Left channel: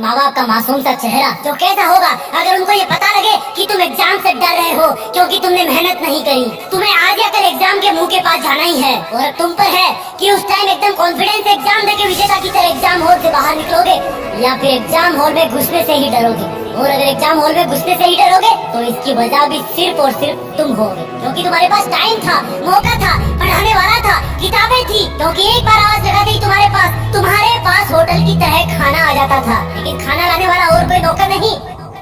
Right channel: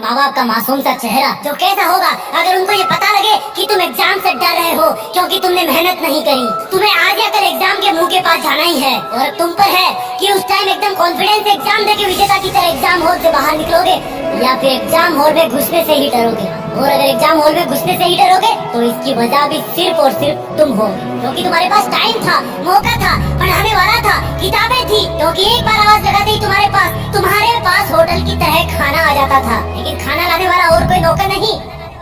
माँ बाप का मासूम सा चेहरा जो कैसा होगा अगर उनको ये पता लगे कि तुम एग्जाम से डर रहे हो क्योंकि तुमने मेहनत नहीं करी। तुम्हें आज या कल एग्जाम के मुंह के पास जाना ही है और अब तुम पर है कि उस टाइम एकदम कॉन्फिडेंस से एग्जाम देके विजेता की तरह एग्जाम हॉल से बाहर निकलोगे या फिर एग्जाम हॉल में घुसने से ही डरोगे। और अगर एग्जाम हॉल में घुसने से ही डरोगे तो इसकी वजह भी सिर्फ और सिर्फ तुम होगे, क्योंकि तुम्हारे पास टाइम था, मौका था, पढ़ाने वाला था, किताबें थी, क्योंकि एक बार आवाज लगाते ही तुम्हारे पास होटल की तरह खाना आ जाता था। लेकिन खाना लाने वाला और कोई नौकर नहीं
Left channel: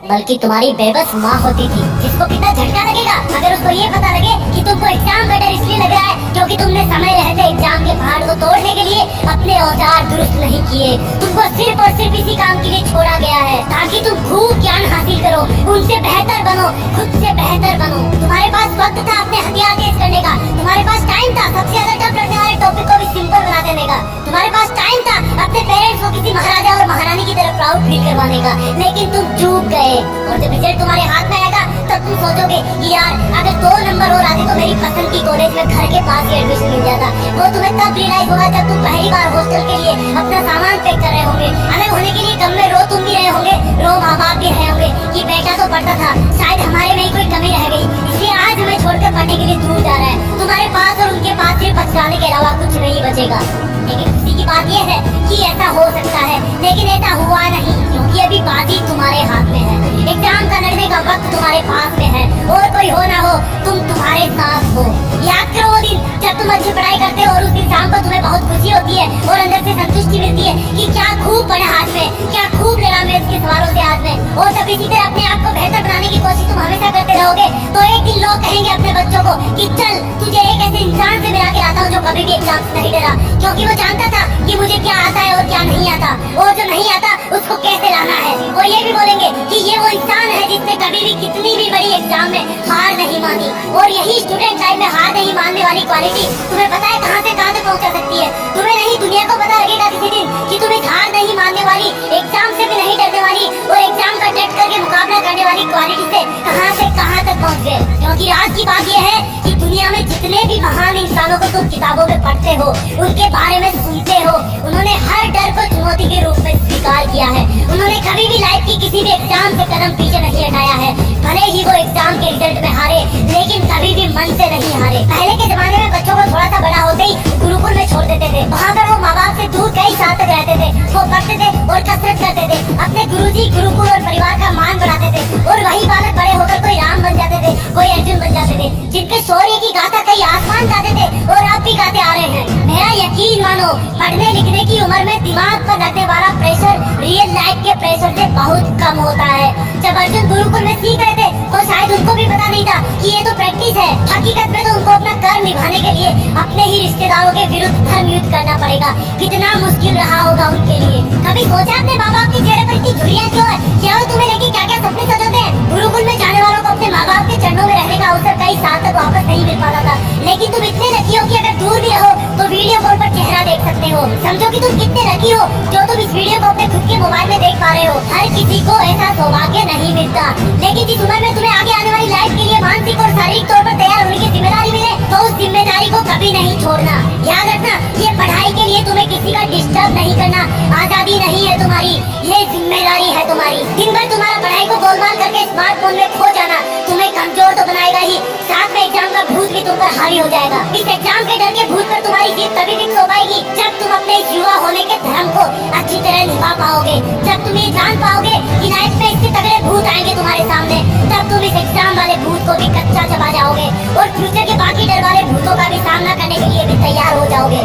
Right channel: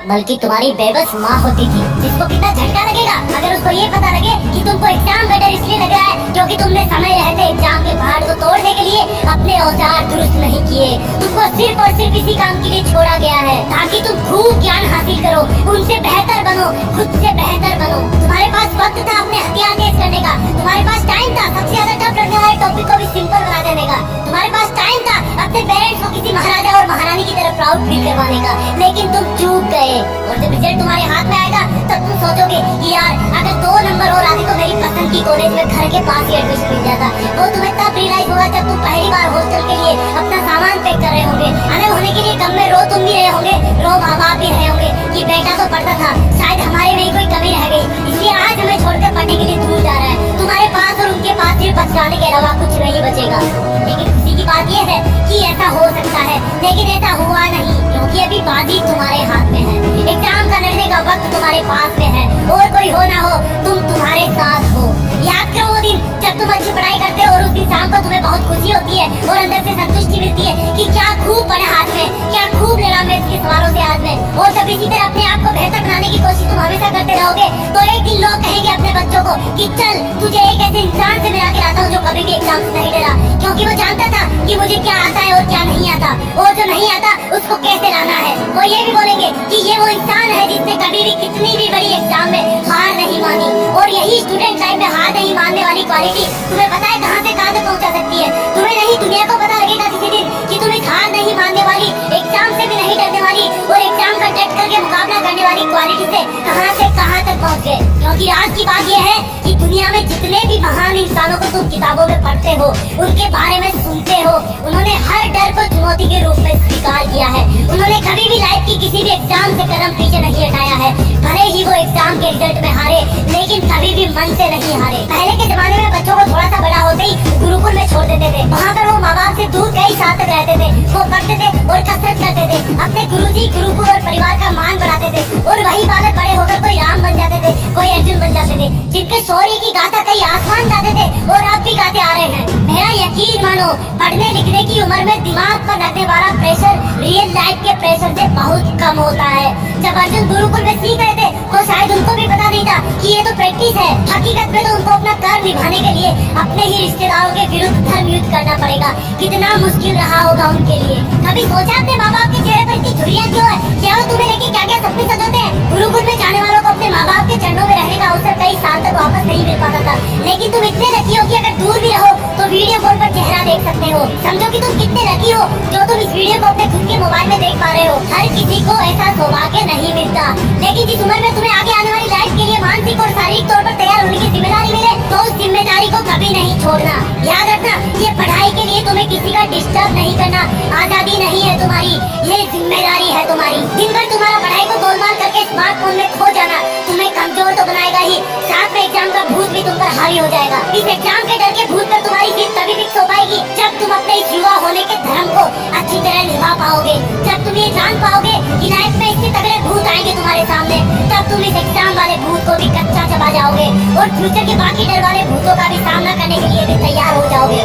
बल्कि तुम्हारी बेबस माँ होती थी, जिसको कितना झटका लगेगा अगर उसको ये पता लगे कि तुमको एग्जाम का डर इसलिए लग रहा है क्योंकि तुमने समय रहते एग्जाम के पहाड़ को तोड़ने के लिए अपने औजार दुरुस्त नहीं किए। तुमको सिर्फ और सिर्फ इसी काम के लिए छोड़ा गया है ताकि तुम खूब ज्ञान हासिल करो, उनसे बेहतर बनो, खुद से बेहतर बनो। तुम्हारे पास वक्त था अपने हथियार तेज करने का, तुम्हारे पास टाइम था सबसे ज्यादा टफ लगने वाले टॉपिक को भी सिंपल बना देने का, तुम्हारे पास टाइम था अपने पेरेंट्स को किसी महाराजा और महारानी की तरह प्राउड फील करवाने का। लेकिन तुम चूक गए और जब रिजल्ट तुम्हारे हाथ में आएगा तब तुम सोचोगे कि यार अगर 2 नंबर और आते तो मेरी पसंद की कॉलेज में घर के पास ही एडमिशन मिल जाता। वो तुम्हें तब रियलाइज होगा जब तुम पहली बार हॉस्टल के लिए अपना सामान पैक कर रहे होंगे, अलग होने के लिए गम में रो तुम भी रहे होंगे, रो माँ बाप भी रहे होंगे कि बेटा तो पढ़ता था, शायद हमारे में ही कोई कमी रह गई इसलिए आज हमें छोड़कर पढ़ने के लिए दूर जा रहा है। तुम्हारे पास और उनके पास सिर्फ पछताने के अलावा कुछ नहीं बचेगा। लेकिन खुशी की बात यह है कि ऐसा हो सकता है, लेकिन ऐसा हुआ नहीं क्योंकि अभी बाजी तुम्हारे हाथ में है, एग्जाम का लड़ने का वक्त तुम्हारे पास में है और कोई हो ना हो तुम तुम्हारे साथ हो। याद करो वो दिन जब तुम अच्छी पढ़ाई करते हो और उस दिन शाम को तुम्हें बहुत खुशी होती है और अंदर से संतुष्टि मिलती है कि क्या खूब पढ़ा हाथ में, क्या खूब लड़ा मैं इसके सवालों से आज में। और जब इसी तरह अपने आप को बेहतर बनाने की कोशिश तुम हमेशा करते रहोगे तो एक दिन लोग कहेंगे अपने बच्चों को कि चल तुझे एक ऐसे इंसान से मिला के लाता हूँ जो कभी भी एग्जाम से नहीं डरा, क्योंकि वो जानता था कि मुझे क्या आता है और क्या नहीं आता और जो नहीं आता उसको कैसे लाना है। वो ये भी बोलेंगे कि ये वो इंसान है जिसने कभी भी कितनी भी बड़ी एग्जाम में हार नहीं मानी। और यही स्टूडेंट लाइफ में हार नहीं मानने वाली क्वालिटी तुम्हें पता है कहां से कहां तक पहुंचा सकती है। तुम्हें नहीं दुनिया को पता लगेगा किसी दिन कि तुम इस हार नहीं मानने वाली, एग्जाम से भी नहीं डरने वाली और एग्जाम का डट करके मुकाबला करने वाली क्वालिटी से कहां तक पहुंच गए। क्योंकि आज की बात यह है कि दुनिया में जितने भी महान इंसानों को तुम किताबों में पढ़ते हो, उनके बारे में सुनते हो, उन्होंने हर डर को चुनौती के रूप में स्वीकार किया है। उन्होंने कभी भी लाइफ की किसी भी एग्जाम से कदम पीछे नहीं हटाया है। भले ही वो एग्जाम के रिजल्ट में हारे लेकिन कभी भी मन से नहीं हारे। पहले के जमाने में बच्चों को थोड़ा सा बड़ा होते ही गुरुकुल में छोड़ देते थे, वहाँ पर वो माँ बाप से दूर कई साल तक रहते थे, वो पढ़ते थे और कसरत करते थे, अपने गुरुजी, गुरुकुल और परिवार का मान बढ़ाते थे और वही बालक बड़े होकर कोई राम बन जाते थे, कोई अर्जुन बन जाते थे, जिनके शौर्य की गाथा कई आसमान गाते थे और अब भी गाते आ रहे हैं। मेरा यकीन मानो पढ़ने लिखने की उम्र में दिमाग पर लगने वाला प्रेशर रियल लाइफ के प्रेशर से बहुत कम होता है। जब अर्जुन गुरुकुल में सीख रहे थे तो शायद उनको भी पता नहीं था कि ये तो प्रैक्टिस है, हकीकत में तो उनको अपना कर्म निभाने के लिए अपने ही रिश्तेदारों के विरुद्ध धर्म युद्ध करना पड़ेगा। कितना मुश्किल रहा होगा उनके लिए। कभी सोचा अपने माँ बाप के चेहरे पर इतनी झुर्रियां क्यों है? क्या वो तुम्हें लेके क्या क्या सपने सजाते हैं? गुरुकुल में जाने वालों को अपने माँ बाप के चरणों में रहने का अवसर कई साल तक वापस नहीं मिल पाता था, लेकिन तुम इतने लकी हो कि अगर दूर भी रहो तो वीडियो कॉल पर चेहरा देख सकते हो। समझो कि तुम कितने लकी हो जो तुम इस वीडियो को अपने खुद के मोबाइल में देख पा रहे हो। हर किसी को ऐसा सौभाग्य नहीं मिलता, लेकिन जिस उम्र में तुम्हें आगे आने वाली लाइफ के लिए मानसिक और शारीरिक तौर पर तैयार होने की जिम्मेदारी मिले तो उस जिम्मेदारी को कभी नहीं छोड़ना। याद रखना ये पढ़ाई के लिए तुम्हें किसी का डिस्टर्ब नहीं करना, आजादी नहीं है तुम्हारी, ये जिम्मेदारी है तुम्हारी। दिन भर तुम्हारा पढ़ाई को गोलमाल करके स्मार्टफोन में खो जाना तुम्हें कमजोर तो बनाएगा ही, साथ में एग्जाम का भूत भी तुम पर हावी हो जाएगा। इस एग्जाम के डर के भूत पर तुम्हारी जीत तभी फिक्स हो पाएगी जब तुम अपने इस युवा होने के धर्म को अच्छी तरह निभा पाओगे, जब तुम ये जान पाओगे कि लाइफ में इससे तगड़े भूत आएंगे तुम्हारे सामने, तब तुम इस एग्जाम वाले भूत को भी कच्चा चबा जाओगे और फ्यूचर के बाकी डर वाले भूतों का भी सामना करने के लिए भी तैयार हो जाओगे।